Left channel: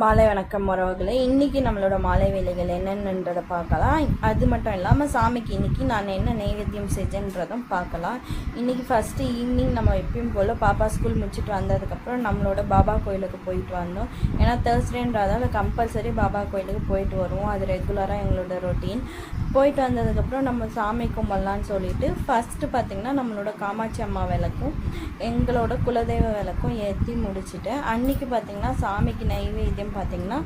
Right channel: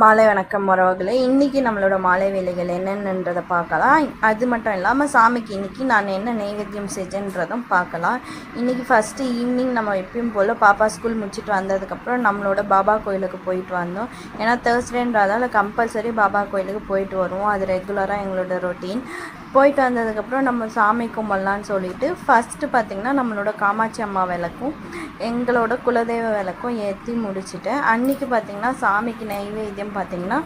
மாலை வணக்கம் உறவுகளே. இன்றைக்கி நம்மளோட மாலை வேலைகள் என்னென்னன்றதை பார்க்கலாம். அது மட்டும் இல்லாமல் சாமிக்கு இன்றைக்கி நான் என்ன நைவேத்தியம் செஞ்சேன்றதும் பார்க்கலாம். இன்றைக்கி ஃபஸ்ட்டு ஈவினிங் நம்ம எப்பயும் போல் பாப்பா ஸ்கூல் முடிச்சுட்டு வந்ததுக்கப்புறம் நம்மளோட பாபா கோயிலுக்கு போயிட்டு வந்தோம். ஏன்னா தேர்ஸ்டேன்றதால கம்பல்சரி பாபா கோயிலுக்கு போயிட்டு வருவோம். அது ரெகுலராக எங்களோட ரொட்டீன். போயிட்டு வந்ததுக்கப்புறம் நம்ம சாமி கும்பிட்லான்னு சொல்லிட்டு ஃபஸ்ட்டு பார்த்திங்கன்னா நம்மளோட காமாட்சி அம்மா விளக்கும் எங்களோட குலதெய்வ விளக்கும் ஏற்றி முடிச்சுட்டேன். அன்றைக்கி பார்த்திங்கன்னா சாமிக்கு நைவேத்தியம் பார்த்திங்கன்னா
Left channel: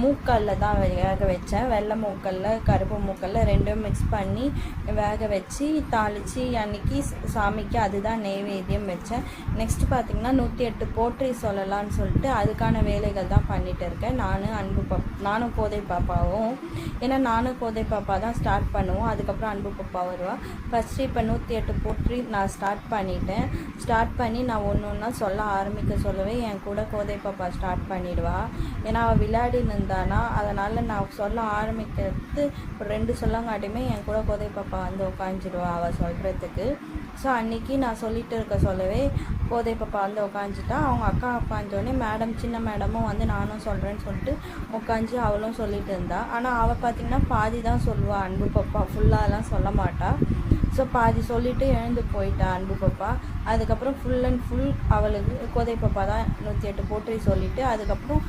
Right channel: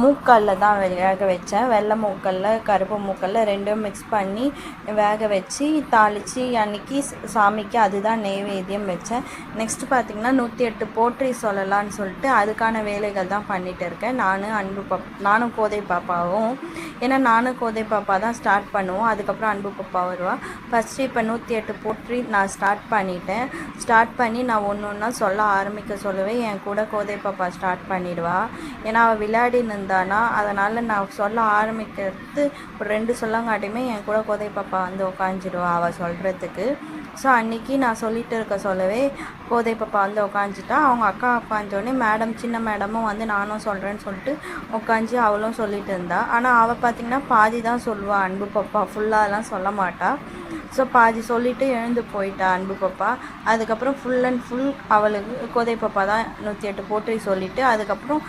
மூக்கல்ல தான் வேக வச்சேன். வெள்ளை மூக்கல்ல கருப்பு மூக்கல்ல ரெண்டும் மிக்ஸ் பண்ணி வேக வச்சு தாளித்து அன்றைக்கி சாமிக்கு அதுதான் நைவேத்தியம் வச்சேன். நெக்ஸ்ட்டு பார்த்திங்கன்னா 108 போற்றி சொல்லலான்னு சொல்லிட்டு அதுக்கான வேலைகள் தான் பண்ணிகிட்டு இருக்கேன். நானும் கோதை பாப்பாவும். ஏன்னா நானும் கோதை பாப்பா தான் ஸ்டார்ட் பண்ணுவோம். அதுக்கப்புறம் அன்பு பாப்பா வருவா. ஃபஸ்ட்டு இப்போ 108 போற்றி நான் ஸ்டார்ட் பண்ணி நான் ஒன்று ஒன்றா சொல்ல சொல்லவே என் கூட கோதை பாப்பா ஸ்டார்ட் பண்ணிவிடுவா. ஏன்னா அவள் விளையாடி நின்றானா, அதனால் நான் சொல்ல ஆரம்பிக்கிறது ஒரு 2 சொல்லங்காட்டியுமே என் கூட கோதை பாப்பா வந்து உட்காந்துடுவா அவள் சொல்கிறதுக்கு. ஸோ அன்றைக்கி நான் சொல்லிட்டு இருக்க சொல்லவே கோதை பாப்பா வந்து உட்காந்துட்டா. அவங்க அக்கா உட்காந்தோடனே சின்ன மேடமும் வந்து நானும் சொல்கிறேன்னு சொல்லிட்டு உட்காந்து அவளும் சொல்லிட்டு இருந்தா. ஆனால் அவள் பார்த்திங்கன்னா பாதி தான் சொல்லுவாள். அன்பு பாப்பா ஃபுல்லாலாம் சொல்ல மாட்டாள். ஸோ பாதி சொல்லிவிட்டு எழுந்து போயிட்டா அன்பு பாப்பா. அதுக்கப்புறம் ஃபுல் அண்ட் ஃபுல் அவளுக்கு கோதை பாப்பா தான் 108 போற்றி சொல்லிவிட்டு அதுக்கப்புறம்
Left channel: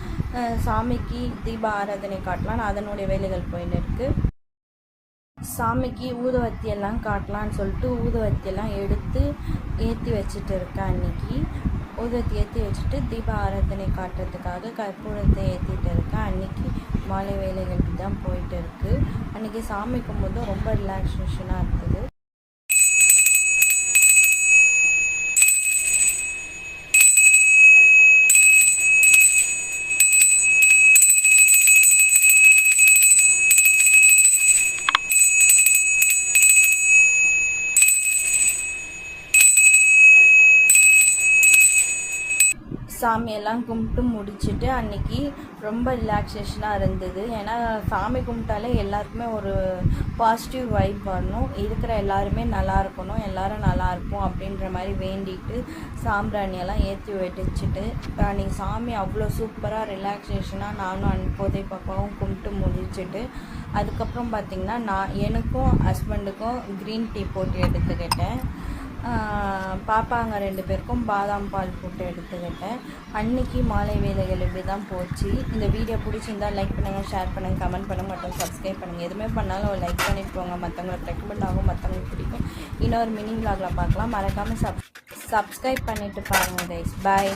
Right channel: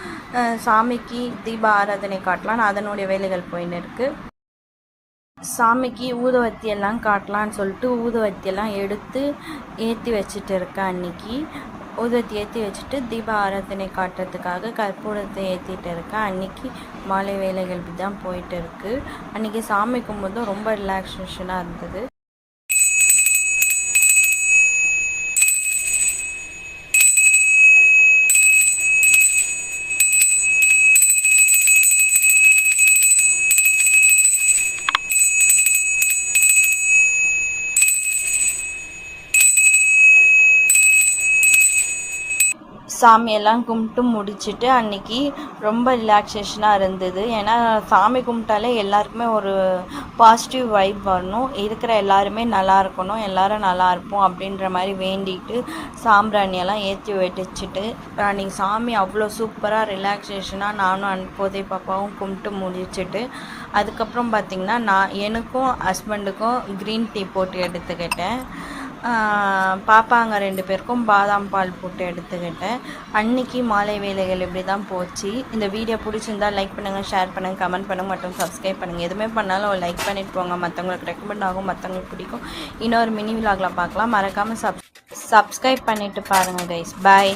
சாமிக்கு தீப ஆராதனை காட்டலான்னு அதனுடைய வேலைகள் போயின்னு இருக்குது. சாமிக்கு ஊதுவத்தி எல்லாம் காட்டலான்னு சொல்லிட்டு ஊதுவத்தியெல்லாம் எடுத்து ஏற்றி வச்சுட்டு இருக்கேன். அன்றைக்கி ஊதுவத்தி ஏற்றி வச்சுட்டு தீப ஆராதனை காட்டுறதுக்காக கற்பூரத்தை ஏற்றிட்டு இருக்கேன். அன்றைக்கி மாலை வேலைகள் தான் போயிட்டு இருக்குது. அன்றைக்கி சாமி கும்பிட்றதும் ரொம்ப ரிலாக்ஸேஷனாக இருந்தது. சாமியெல்லாம் கும்பிட்டு முடிச்சுட்டு அன்றைக்கி ரொம்ப ரிலாக்ஸேஷனாக இருந்தது. ஏன்னா சாமி கும்பிட்டாலே எல்லாருக்குமே ஒரு பாசிட்டிவ் வைப் வரணும், இருக்கிற எல்லாருமே நல்லா இருக்கணும், எல்லோரும் நல்லா இருப்போம் அப்படின்ற மாதிரி வேண்டிட்டு சாம்பிராணியெல்லாம் ஏற்றி வச்சுட்டு அன்றைக்கி சாமி அவ்வளோ சூப்பராக ரிலாக்ஸேஷனாக நானும் கோதை பாப்பாவும் கும்பிட்டு முடிச்சுட்டு அதுக்கப்புறம் பார்த்திங்கன்னா எனக்கும் ஹஸ்பண்டுக்கும் க்ரீன் டீ போட்டு எடுத்துக்கிட்டேன். பாப்பாங்க 2 பேருக்கும் பாதாம் பால் போட்டு எடுத்துக்கிட்டேன். அன்றைக்கி மாலை வேலைகள் இப்படி தான் போச்சு. இந்த வீடியோ பிடிச்சிருந்தால் லைக் பண்ணுங்கள், ஷேர் பண்ணுங்கள், கமெண்ட் பண்ணுங்கள் மற்றும் சப்ஸ்கிரைப் பண்ணுங்கள். எதுவுமே பண்ணாலும் ஒரு லைக் பண்ணிட்டு போங்க. மற்றவங்களுக்கு ரெக்கமெண்ட் ஆகும், மற்றவங்களுக்கு பிடிக்கும். இன்னொரு மினி விலாகில் பார்க்கலாம். மறக்காமல் சப்ஸ்கிரைப் பண்ணிவிட்டு பாருங்கள் கைஸ். பாய்.